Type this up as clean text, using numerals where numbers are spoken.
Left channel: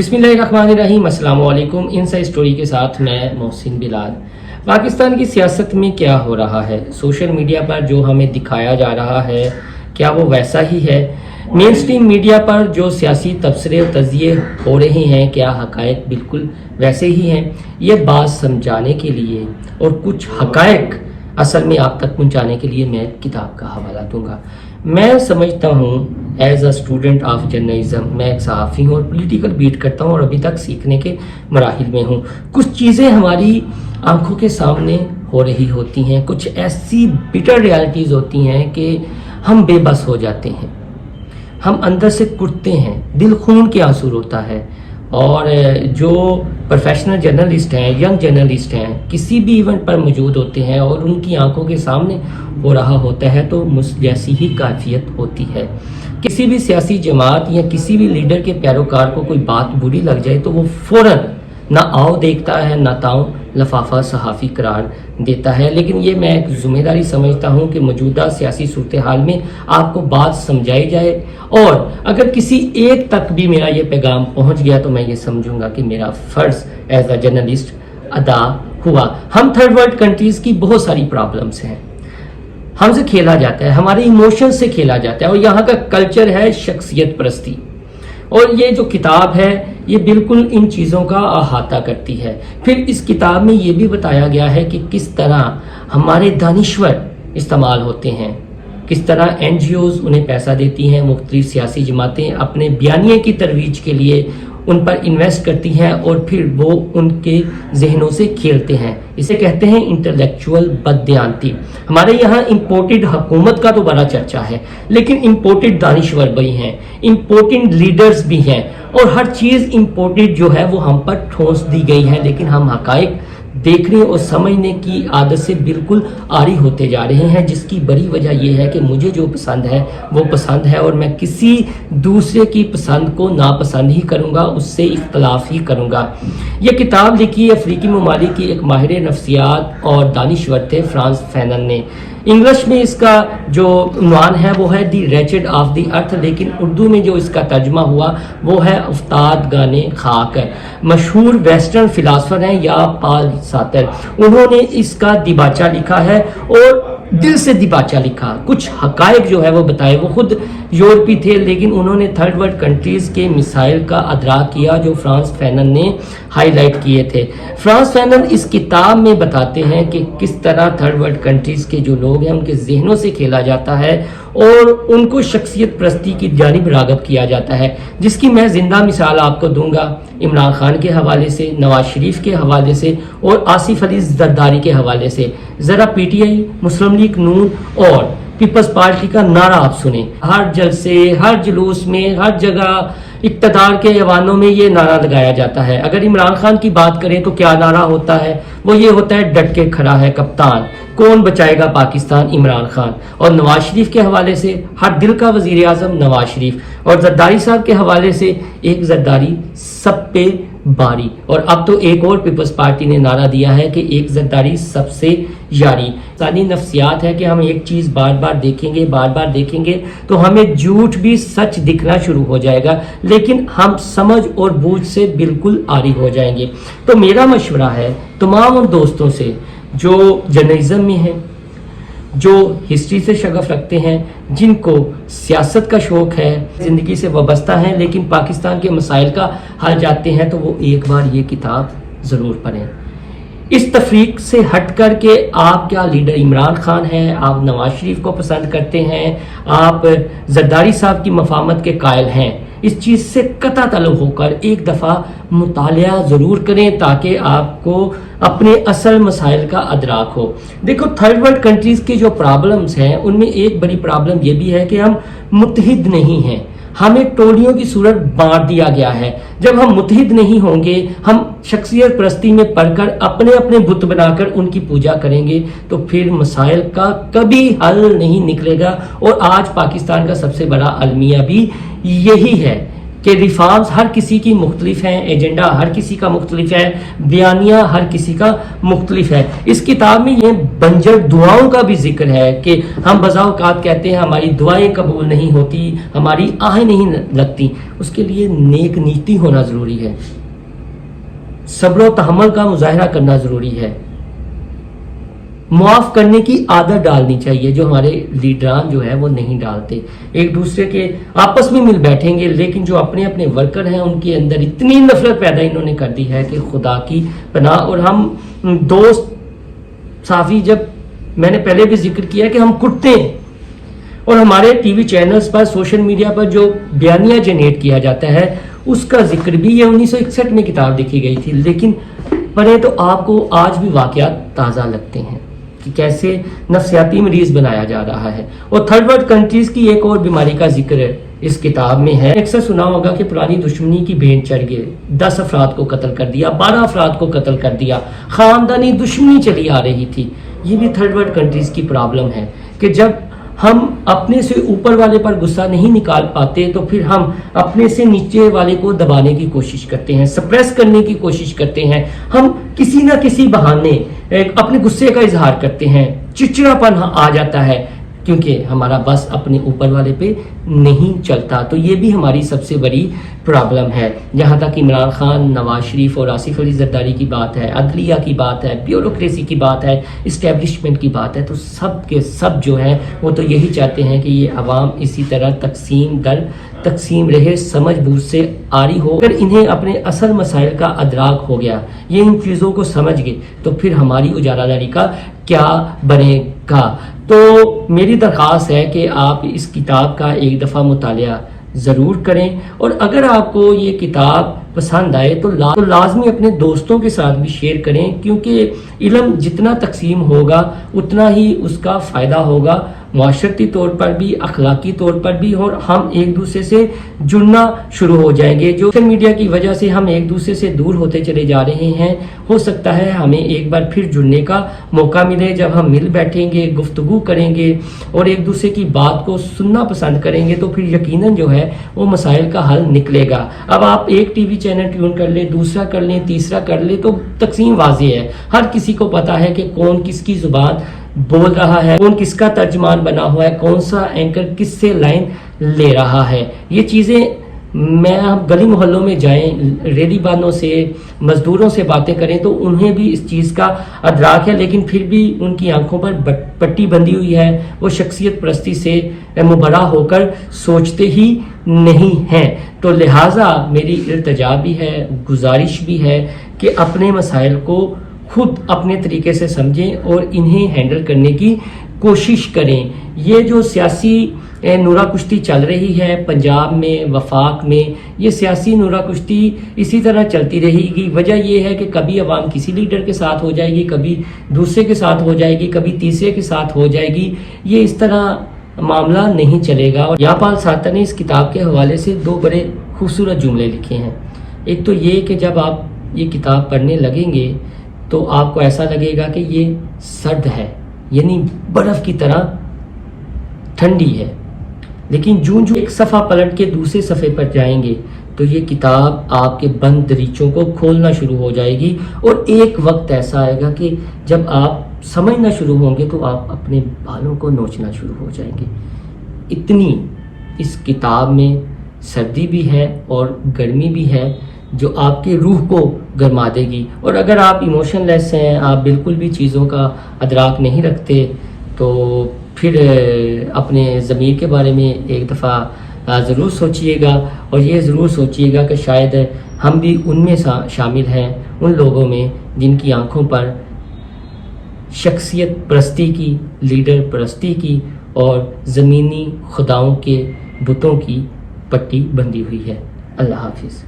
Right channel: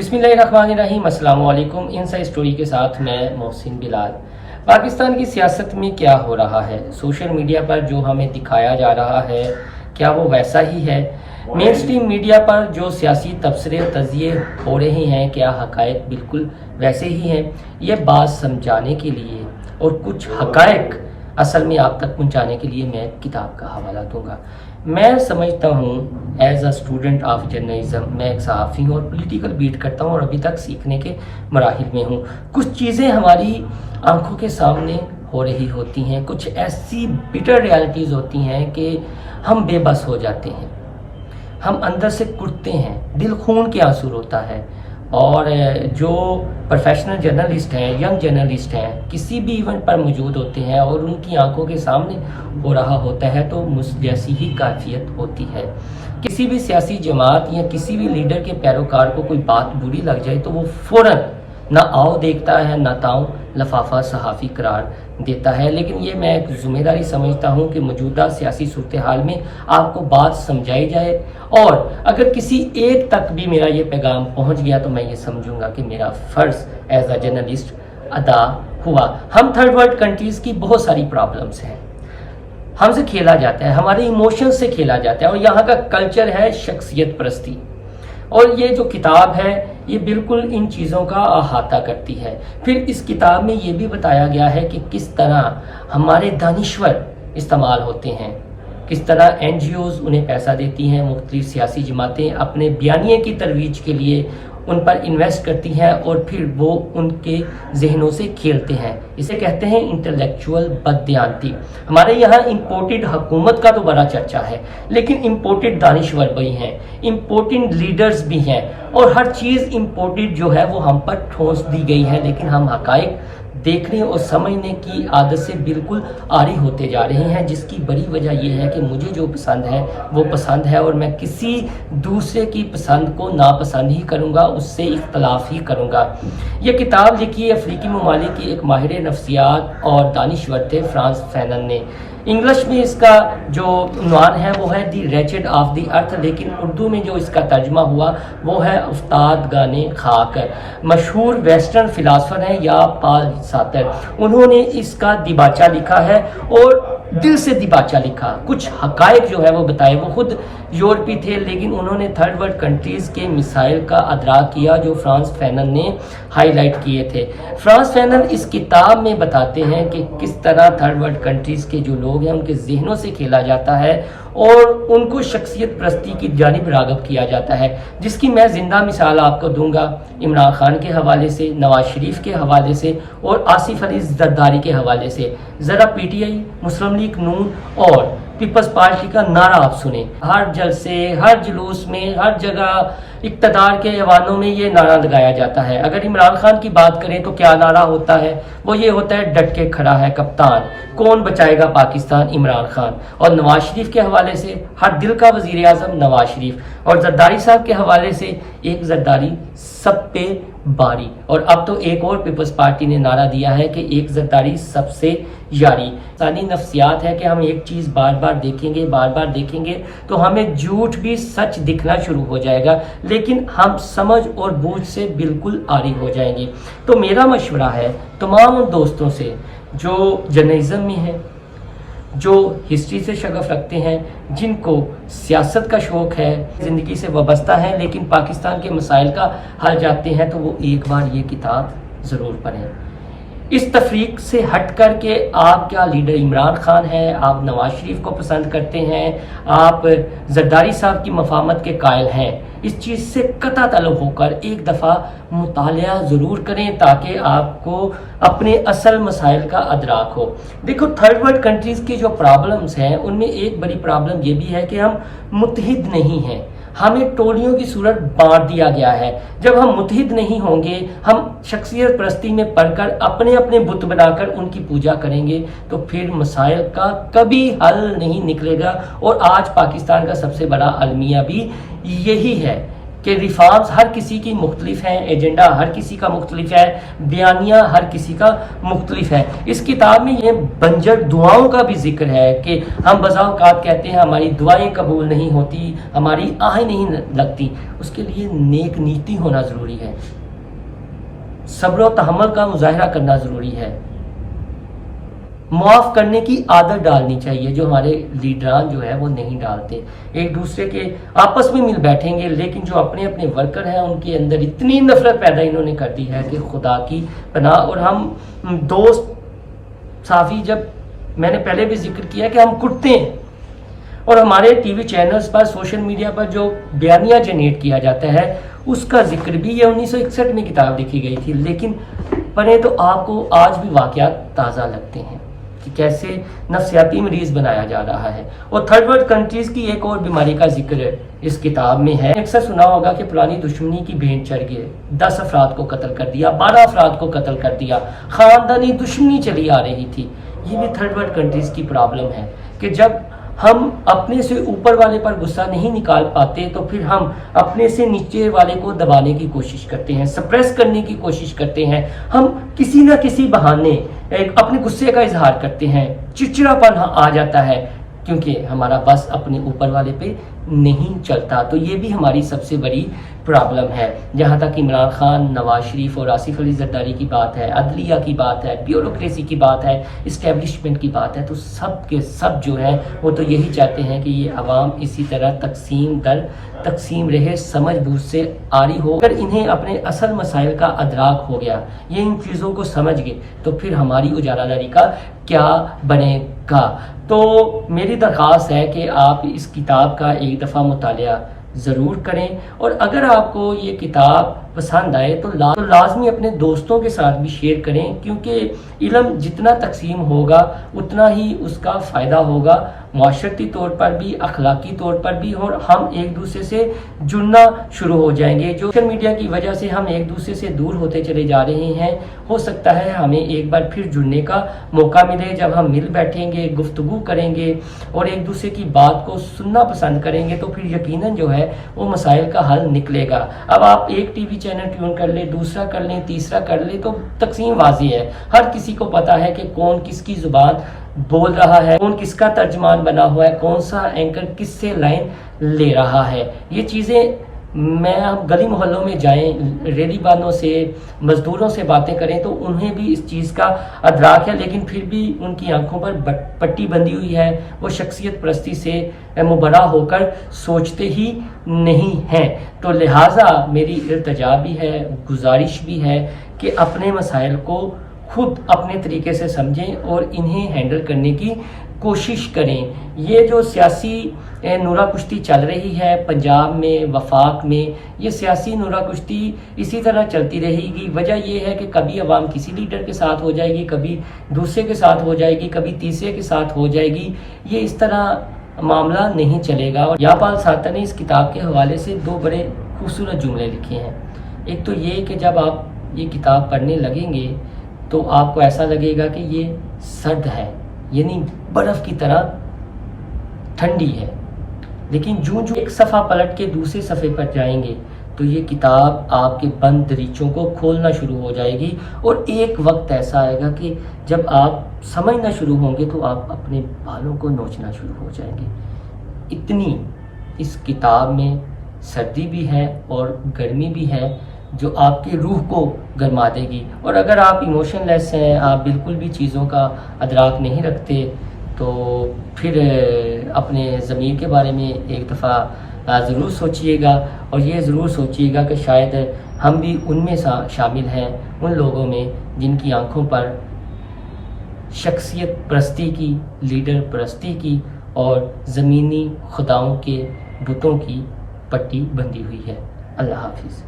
बिस्मिल्लाहिर्रहमानिर्रहीम, अस्सलाम वालेकुम। इनसाइड स्टोरी के साथ मैं मोहसिन बिलाल। पाकिस्तान की सियासत में क्या हो रहा है, सोशल मीडिया पर जो हमें दिखाया जा रहा है क्या वो वैसा ही है? मेन स्ट्रीम मीडिया पर जो सियासी तबसरे और तजिए हो रहे हैं क्या हकायक बिल्कुल वैसे ही हैं? ये बात समझाने के लिए और कुछ हकायक असल में आप तक पहुंचाने के लिए मैं किताब का हवाला दूंगा। मैं समझता हूँ as a student of journalism, मैं एक सहाफ़ी हूँ और पॉलिटिकल बीट करता हूँ और अभी तक सीखने के मराहिल में हूँ। कुछ चीज़ें हमारी आंखों के सामने हो रही होती हैं, कुछ ऐसी बिटर रियलिटीज़ होती हैं कि हम बेबस हो जाते हैं, हम अंदर से कुटते हैं, दिल खून के आंसू रोता है। और जो प्रोफेशनल जर्नलिस्ट हैं, यंग जर्नलिस्ट हैं, किसी भी इवेंट पर मौजूद होते हैं और उनकी आंखों के सामने हो रहा होता है तो मुझ जैसी ही कैफियत होती है। किसी भी सियासी जमात या किसी भी लीडर के पैरोकार को कोई बात बुरी लग जाए तो वो फ़ौरन ना आओ देखता है ना ताओ लफाफा सहाफ़ी करार देता है। लेकिन ये मैं एक ज़िम्मेदारी समझता हूँ कि मौजूदा सियासी सूरत हाल में आपको बात समझाई जाए और अगर किसी एक तक भी मेरा ये पैगाम पहुँच गया तो मैं ये समझूंगा कि मेरा फ़र्ज़ एज अ जर्नलिस्ट अदा हुआ। हम थर्ड वर्ल्ड कंट्रीज़ की बहुत सारी प्रॉब्लम्स हैं, हमसे खेला जाता है, हमारे इमोशन से खेला जाता है और यहाँ का कल्चर है शख्सियत परस्ती। और ये जो किताब है ये बिल्कुल इन चीज़ों का अहाता करती है। फिर इस किताब में ये भी बताया गया है कि किस तरह हमारे दानिश्वर इस्तेमाल होते हैं, किस तरह NGOs उन्हें पैसा देती हैं, मुख्तलिफ सियासी जमातें अपने बयानिए की तरवीज के लिए उन पर इन्वेस्ट करती हैं और फिर वो उनके जहनों से खेलते हैं। इसे कहते हैं इंटेलेक्चुअल बददियानती। हमारे यहाँ इम्पोर्टेड हुकूमत का तो बड़ा चर्चा है, लेकिन इम्पोर्टेड दानिश्वर भी हैं, इम्पोर्टेड लीडर्स भी हैं और हर चीज़ इम्पोर्टेड जो है वो हम पर ठोस दी गई है। लेकिन हम हकायक देखने और समझने की आदत से बिल्कुल आरी होते जा रहे हैं, जिसकी बड़ी वजह यह है कि मुझे जो पसंद है वो पसंद है और मैं किसी दूसरे की पसंद को नापसंद ही करूँगा, उससे इख्तलाफ ही करूँगा। ये किताब लिखी अफ्रीकी ममालिक की एक माहिर नफ्सियात और दानिश्वर थे फ्रांस फैनन ने। इंग्लिश में इसका जो उन्वान है वो है दी रेचेड ऑफ द अर्थ, लेकिन उर्दू में जो इसका तर्जमा हुआ वो है उफ्ताद गाने खाक। मशहूर वेस्टर्न फिलासफर हैं या पाल सातर, उन्होंने इसका दिबाचा लिखा है और दिल से दिबाचा लिखा। कुछ हकायक जो है वो बताए, वो खुद यूरोपी थे लेकिन उन्होंने थर्ड वर्ल्ड कंट्रीज़ के मिसाइल का अदराक किया जो फ्रांस फैनन ने हाईलाइट किए थे। फ्रांस फैनन इस किताब में बताते हैं कि किस तरह थर्ड वर्ल्ड कंट्रीज़ के जो लोग हैं उनके जहनों से खेला जाता है और उनको शख्सियत परस्ती की जानिब राग़ब किया जाता है, जिसकी मैं ज़िंदा मिसाल आपको दूंगा इमरान खान के हवाले से, नवाज शरीफ के हवाले से और आसिफ अली जरदारी के हवाले से। ज़रा PTI, मुस्लिम लीग नून और पीपल्स पार्टी का नारा आप सुने, हर जलसे, हर जुलूस में, हर जगह इक़्तिदार के ऐवानों में ये नारा लगाया जाता है। अगर इमरान खान की बात करें तो क्या नारा होता है, वो ये होता है डट के खड़ा है कप्तान, कौन बचाएगा पाकिस्तान, इमरान खान। और नवाज शरीफ के हवाले से हर दिल का वज़ीर आज़म नवाज शरीफ और जरदारी साहब के हवाले से एक जरदारी सब पे बारी। और अब तो एक और पीपल्स पार्टी ने नारा दिया है कि एक जरदारी सबसे यारी। इंसानी नफ्सियात है कि हम एक चीज़ बार बार देखेंगे तो हमें झूठ भी सच दिखना शुरू हो जाएगा, लेकिन हम समझ और बूझ से बिल्कुल आरी हो जाएंगे। तो मेरा मशवरा है तमाम उन दोस्तों से जो जर्नलिज्म में हैं, जो हिस्ट्री से शगफ रखते हैं, जिनको सियासत का शौक़ है, ज़िंदगी से वाबस्ता हैं लेकिन पाकिस्तान के मसाइल का हल जानते हैं, तो वो एक बार ये किताब ज़रूर पढ़ें। इस तफरीक से हट कर के आप क्या लीडर इमरान खान हैं, आप नवाज शरीफ को पसंद करते हैं, आप जरदारी साहब की मफामत के कायल हैं, इस चीज़ से कता तलब होकर एक दफ़ा मुतालिया ज़रूर करें ताकि आपको अपने असल मसाइल का अदराक हो। देखो, थर्ड वर्ल्ड कंट्रीज़ की जो प्रॉब्लम्स हैं उनमें एक बड़ी प्रॉब्लम ये भी है कि हम मुत्तहिद नहीं हैं, हमें टोलियों की सूरत बांट दिया गया है। जब हम मुत्तहिद नहीं होंगे, हम शख्सियत परस्ती में पढ़कर अपने अपने बुत बनाकर उनकी पूजा करेंगे तो फिर मसाइल का कभी हल नहीं निकलेगा। और आज पाकिस्तान का सबसे बड़ा अलमिया भी यही है کہ ریفارمز ہر کسی کی مختلف ہیں، ایجنڈا ہر کسی کا مختلف ہے، بیانیہ ہر کسی کا مختلف ہے۔ اس کتاب میں یہ بنجر دعاؤں کا بھی ذکر ہے کہ ہم بزا اوقات کہتے ہیں ہماری دعائیں قبول نہیں ہوتی، ہماری آہیں نہیں لگتی، اس کے لیے نیک نیتی ہونا ضروری ہے، صبر و تحمل کا مظاہرہ کرنا ضروری ہے، معاف کرنے کی عادت ڈالنی چاہیے جو ہمارے لیڈران جو ہے وہ نہیں ڈالتے۔ ایک دوسرے کے آپس میں مل بیٹھیں گے، لیکن جو اپنے اپنے ورکر ہیں ان کے اندر اتنی نفرت پیدا انہوں نے کر دی ہے کہ خدا کی پناہ۔ اور ہم دوست صحافی، جب میں نے پہلے بھی ذکر کیا کہ ہم کٹتے ہیں، اور ہمارے ٹی وی چینلز پر، سوشل میڈیا پر جو بیانیہ جنریٹ کیا جاتا ہے اس کا ذکر بھی یہ 1961 میں کتاب لکھی گئی تھی، لیکن پڑھیں تو آپ کو آج بھی واقعات تازہ لگتے ہیں کہ کیسے نفسیاتی مریض بنایا جا رہا ہے۔ اور تھرڈ ورلڈ کنٹریز کی ایک اور بیماری کا ذکر اس کتاب میں ہے۔ اکثر سنا ہوگا کہ پرانی دشمنی کی بھینٹ چڑھ گئے، 10 افراد کو قتل کر دیا، 12 افراد کو قتل کر دیا، خاندانی دشمنی چلی آ رہی تھی۔ یہ بھی تھرڈ ورلڈ کنٹریز کی پرابلم ہے کہ جب ہم اپنے سے اوپر والے پر غصہ نہیں نکال پاتے تو پھر ہم اپنے سے نیچے والے کو دبانے کی کوشش کرتے ہیں، سپریس کرنے کی کوشش کرتے ہیں، ہم کسی نہ کسی بہانے اپنے غصے کا اظہار کرتے ہیں، چڑچڑاپن آ جاتا ہے کیونکہ ہمارا بس اپنے اوپر والے پہ نہیں چلتا۔ تو یہ بھی ہماری سب سے بڑی پرابلم ہے۔ جہاں تک عمران خان، نواز شریف اور آصف علی زرداری کی بات ہے، عدلیہ کی بات ہے، بیوروکریسی کی بات ہے، اسٹیبلشمنٹ کی بات ہے، تو سب کے سب جو ہیں وہ تو یہی چاہتے ہیں کہ یہ عوام اسی طرح تقسیم در تقسیم رہے، سمجھ بوجھ سے آری ہو۔ اگر انہیں اپنے اصل مسائل کا ادراک ہو گیا، یہ ان چیزوں کو سمجھ گئے، تو پھر ہماری اجارہ داری کا کیا بنے گا؟ تو میری درخواست ہے کہ آپ اس کتاب کا ایک دفعہ مطالعہ ضرور کریں، اور اگر آپ کو یہ کتاب پسند آئے تو لازمی اپنے دوستوں کے ساتھ بھی شیئر کریں، کیونکہ علم جتنا تقسیم ہوگا اتنا ہی اس کا فائدہ ہوگا، معاشرتی طور پر بھی، اخلاقی طور پر بھی، اور ہم ایک دوسرے سے جڑنا شروع ہو جائیں گے۔ جو سوشل میڈیا کی وجہ سے ہم ایک دوسرے سے دور ہوتے چلے جا رہے ہیں، ہو سکتا ہے ہمیں ایک بار پھر جڑنے کا موقع ملے جب ہم مل بیٹھیں گے، گفتگو کریں گے اور ایک دوسرے کی بات کو سننا پسند کریں گے، تو پھر یقیناً جو ہے وہ مسائل کا حل نکلے گا۔ اب آپ ایک ٹی وی چینل ٹیون کر لیں، دوسرا کر لیں، تیسرا کر لیں، تو تقسیم واضح ہے، ہر کسی کو پتا ہے کہ کون کس کی زبان بول رہا ہے، کون کس کا ترجمان بنا ہوا ہے، کون سا اینکر کس سے لائن لے رہا ہے۔ یہ چیزیں میں گلی محلوں میں جائیں، ریلی بانوں سے، مزدوروں سے باتیں کریں تو انہیں بھی اس چیز کا ادراک ہے، لیکن پھر بھی ان کی آنکھوں پر پٹی بندھی ہوئی ہے، وہ شخصیت پرستی سے مبرا ہو کر سوچتے ہی نہیں ہیں۔ تو لہٰذا میری التجا بھی ہے، گزارش بھی ہے کہ اپنے مسائل کو خود اپنے طریقے سے سمجھیں اور انہیں ہینڈل کرنے کی کوشش کریں۔ یہ جو سیاسی نورا کشتی چل رہی ہے پنجاب میں، وفاق میں، یہ سیاسی نورا کشتی اسی طرح چلتی رہے گی۔ وجہ یہ ہے کہ کبھی عوام کسی لیڈر کے ساتھ ہو جائے گی، کبھی دوسرے کے ساتھ ہو جائے گی، کبھی تیسرے کے ساتھ ہو جائے گی، یہ اس طرح معاملہ نہیں چلے گا۔ اور یاپال ساتر نے اس کتاب کے حوالے سے 2 بڑے خوبصورت جملے لکھے ہیں۔ ایک تو یہ کہ جب آپ یہ کتاب پڑھنے لگیں گے تو آپ کو ایسا لگے گا کہ یہ سرد ہے، یعنی برف کی طرح ٹھنڈی ہے، لیکن جو ایک صفحہ پلٹ کے دوسرے صفحے پر جائیں گے تو یہ کتاب آپ کے بند دریچوں کو کھولنا شروع ہو جائے گی، اور ایک وقت ایسا آئے گا کہ جب آپ سمجھنا شروع ہوں گے تو آپ اپنے بالوں کو نوچنا شروع ہو جائیں گے۔ اتنی اس کتاب میں سردی بھی ہے اور گرمی بھی ہے جو آپ کے روح کو گرما دے گی۔ اور اگر آپ ایموشن لیس ہیں، آپ بالکل بھی چیزوں کا ادراک نہیں رکھتے، تو پھر اپنے ضمیر کے بارے میں ایک دفعہ ضرور سوچئے گا، اور یہ ضرور سوچئے گا کہ شاید ہم بھی ان میں شامل ہیں، ان لوگوں میں جن کی آنکھوں پر شخصیت پرستی کی، لیڈر پرستی کی اور زمینی خداؤں کے بتوں کی پٹی بندھی ہوئی ہے۔ اللہ حافظ۔